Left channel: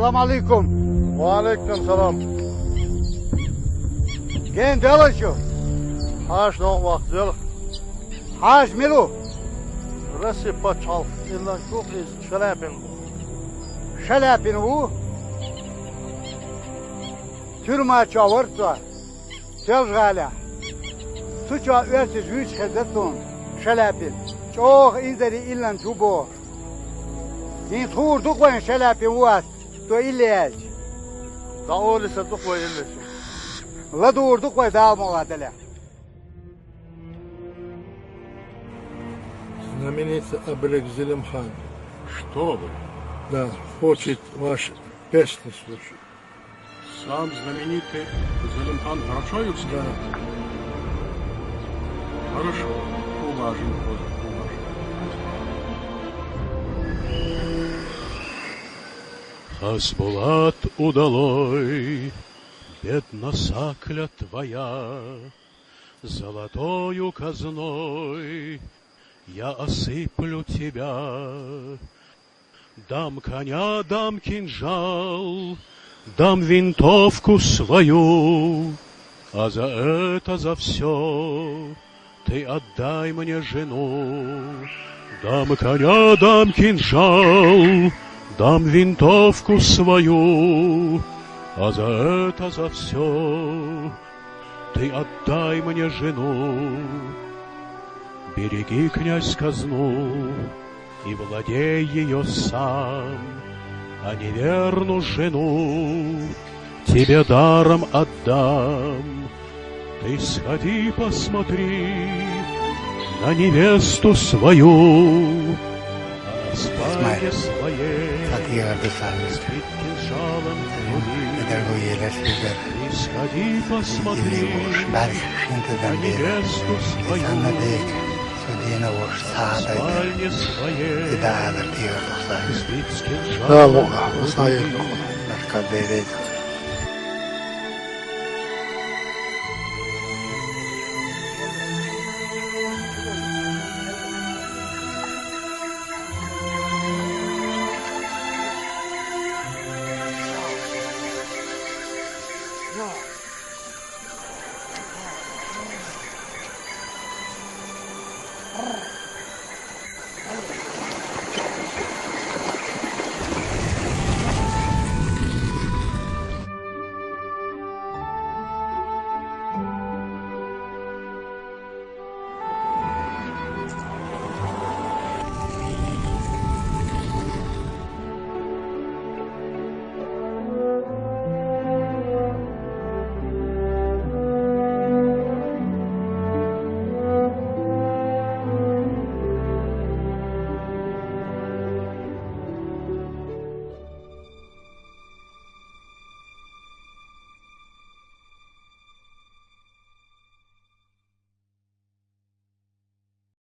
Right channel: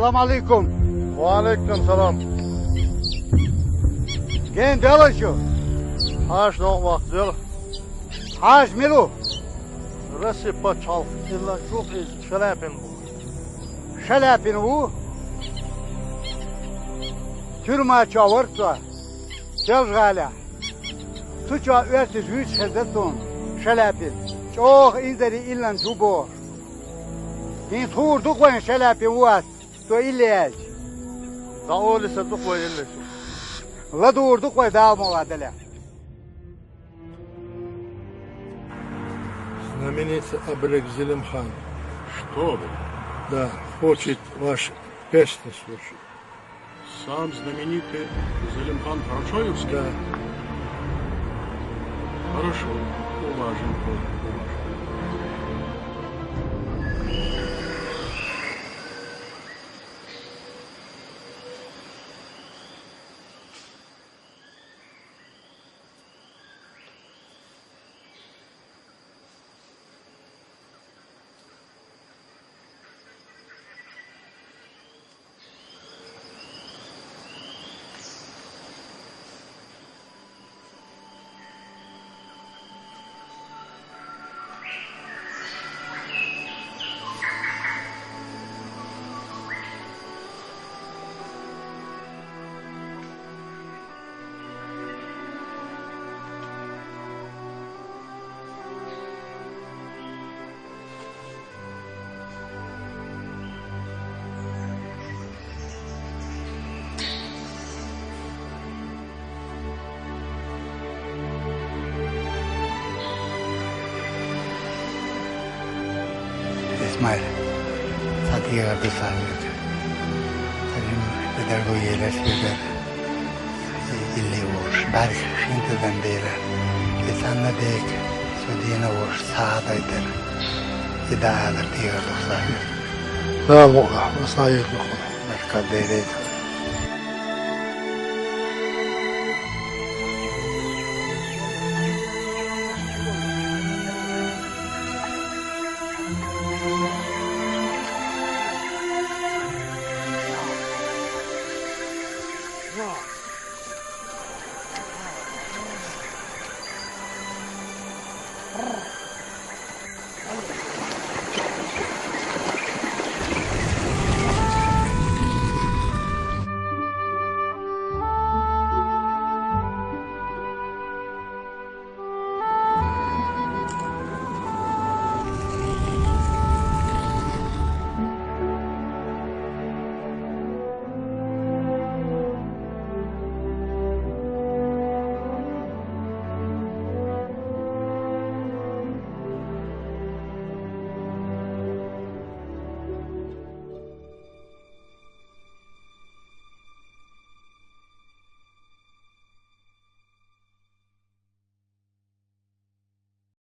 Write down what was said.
Salam alaikum. Валейкум салам. Gen dolaşıyor. Haş no vaktil. Haş milu. Resi paçal. İlla çok iz şelapin bu. Şelepin bu. Türma çavurtva. Çavgala. Suça örtüz yüz xezetun. Şelepin. Çok izleri illan çubuğ. Din turdu koyun şelepin var. To illej. Da oli se duk ve illeşim. La durdu koy daha muadele. Знаменитый Абрек Зелимхан. Что ли? Да, хочет ваши песни слушать. Сам знаменитый Зелимхан Карачаевский? Да. Хорошо, уважим. Хасбулат удалой, бедна сакля твоя, золотою казной я осыплю тебя. Дам коня, дам кинжал, дам винтовку свою, а за это, за все ты отдай мне жену. Дам коня, дам кинжал, дам винтовку свою, а за это, за все ты отдай мне жену. Береги, князь, казну и владей ее сам, а неверну жену тебе даром отдам. Ты сходи, посмотри на невесту свою. İsmail, Sadiye kardeş sahibiydi. Tabii bedel bu yerler şeyler. İlli vuruş, belki şimdiden beri. İnsanla deyik, söyleyene vuruş, sağdaydır. İdahadır diyoruz sahip. Да, Бога, вы знаете, Başka değildi.